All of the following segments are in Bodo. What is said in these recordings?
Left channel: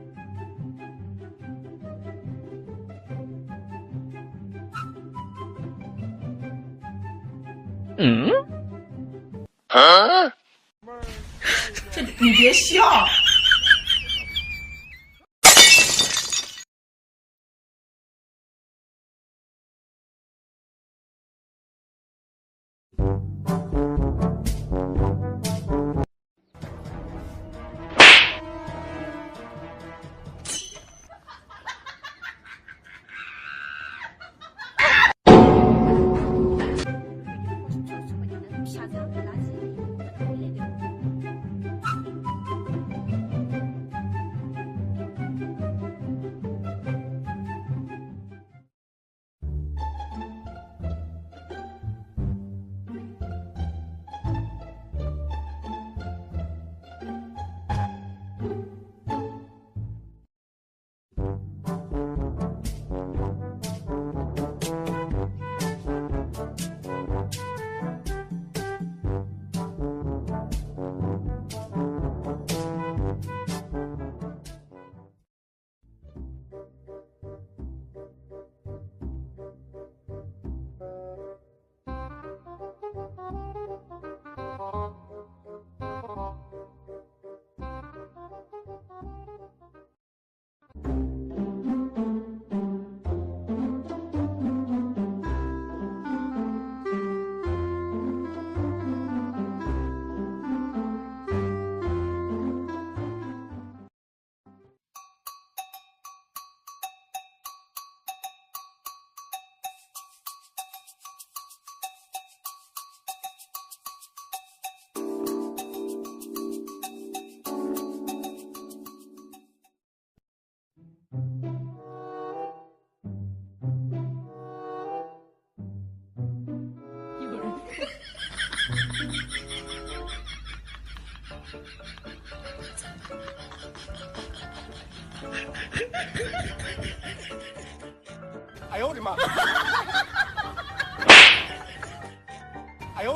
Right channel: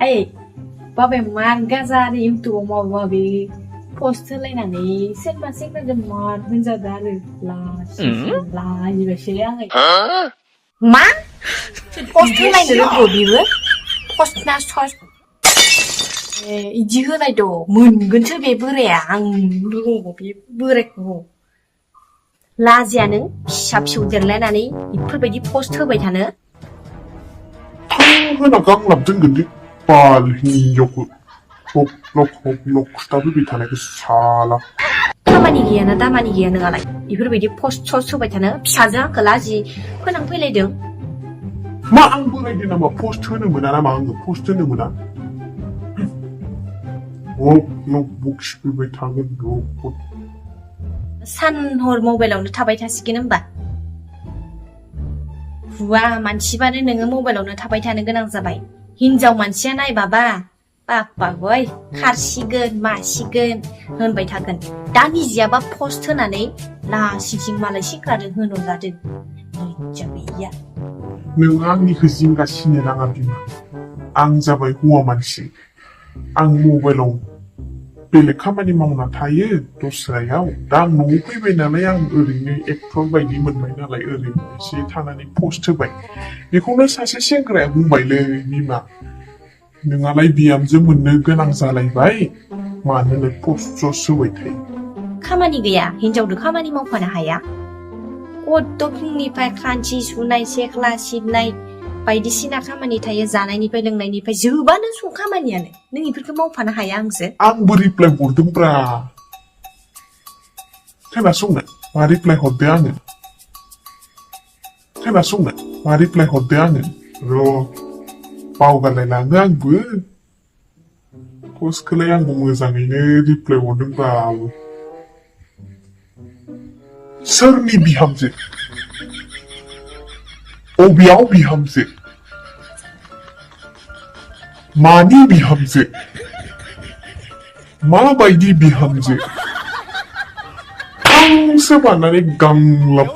Ê, ba bè man gaza đi YouTube mà ba bè post lên là này xếp ra dùm mòn bây giờ ra được là gì vậy xí ăn ấy má post lên là đồ gì vậy post na post 이지 흔하이도 문근처에 버래양 누군고 버랬고 라지아는 샵쇼들래나니 이풀바디 포스트 바이타는 하나 강남 뜬근데 빨리 요구 록 스타브 비타네 그 살아 다만이 기야는 알아 이풀바디 포스트 바이타는 피사자 그 라지 그냥 플레이등 마안 보내기나 뭐 포스트는 뭐나 마안 포스트는 뭐나 목식을 왜 당근 놓고 산홀 모바일로 타바이 타시긴 한바 हुआ मानसिबानो नोङो मबाइलावनो थाबाय थानो गोनां जाबाय हिनजाव मानसिया नायबाबा बाबाय खारसिगोन मासिगोन होनबाय थागोन दा निजियाबा पस्ट होनानै लासिंसिं मालाय सिख्लाजों होनहरगारदों हिनजावैया नों आंनिखौ जिंगासिनो नाङा बिमा आं जाबाय हौवा मानसि आं मबाइलाव बेलेग खामानि मावना थायो दस्रायाव दा आं न'आव फैबाय नालाय आं ओरैनो एक्टर बायदि मोनबाय नालाय ओरैनो एसे थानानै पस्ट होबाय बेखौनो सासे सेंग्राया बुंबायलै बिमा नोंहालाय बिहामजो मोननो गोनां जालायबाय मानोलाय पस्ट होबाय थायो खामानि गैया हिनजावदो खामानि मावफानो हाया कत फुंनिफ्राय खानसि सुनाय सेख्ला सिबनाय बायदिसिना खामानि थायो जानायनिफ्राय लोंनायनिफ्राय जोबानो सं खामानियानो नों इफोरखौ मावफानो हाया आंबो रिप्लाय हरदोंब्रा खोनासंनो मा रिप्लाय हरदो आङो खोनासंनो मा रिप्लाय हरदो आङो र' बावगारलायलाङो आंबो पस्टखौलाय आंबो मोजाङैनो रिप्लाय हरदोंब्रा सोरनि बिहामजो अबेयाव बिहामजो मानि बिहामजो माबायदि बिहामजो आंसो बानानै गांलाब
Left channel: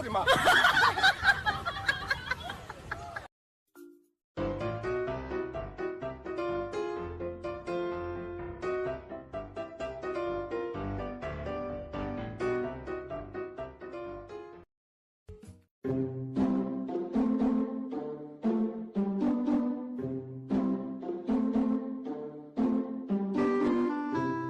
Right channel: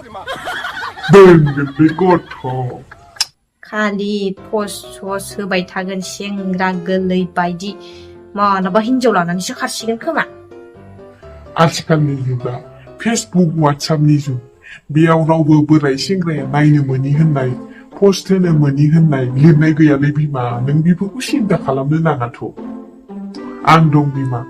दोनगोन बे गथ' खालि पस्ट होबाय थागोन सेंग्रा गोरलै बायदि मालाबा हिनजाव लानानैसो खारसिगोन खोमा आथिखालनि जुगा फेसबुक वाट्सएपनि जुग बेयाव रावबो बोराय सेंग्राया नायनो मोनि होननाय पस्ट होनो मोनि होननाय लिरनाय गैयालै बिमा नों बेफोरखौ सिन्था खालामनो नाङाथ' आं दं बिमा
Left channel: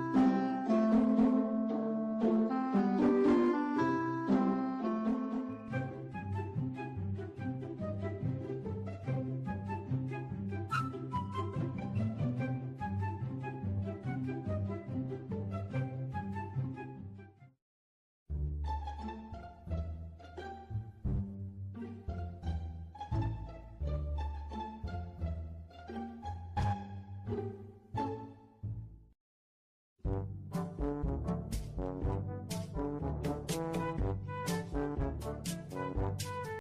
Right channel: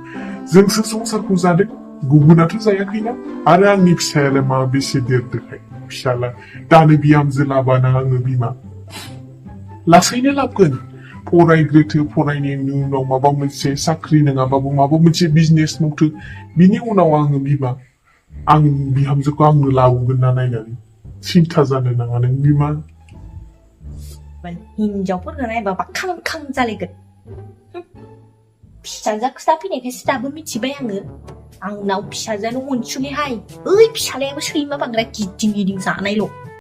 जोंसो संसारखौ जादों गुबुनाथ' जायाखैना आरो आंनि फिसायालाय मा बेसे देरदोखाय फिसाला दानो बिहामजो लाबाना आङो बिमा लासैनो लाबगोन फरायग्रोथो फरायनायनि उनाव माबा मोनसे साख्रि नङाबाबो माबा मोनसे बिजनेस मावथो बिनि उनाव आङो बिमा आं बिहामजोखौ आंनो लाबोगोन ना नायनानै सिन्था जानो नाङा नों बिमा हिनजावफोरखौ नायबाबा खां जालायगोन फिसाजो खोथा फैनायखायसो दाबो मिथिबाय आङो आंनाव फिसाजोआनो अनसुलिहाय ओइ फिसालायाबो सैमा बांद्राय गिदिं जानायल'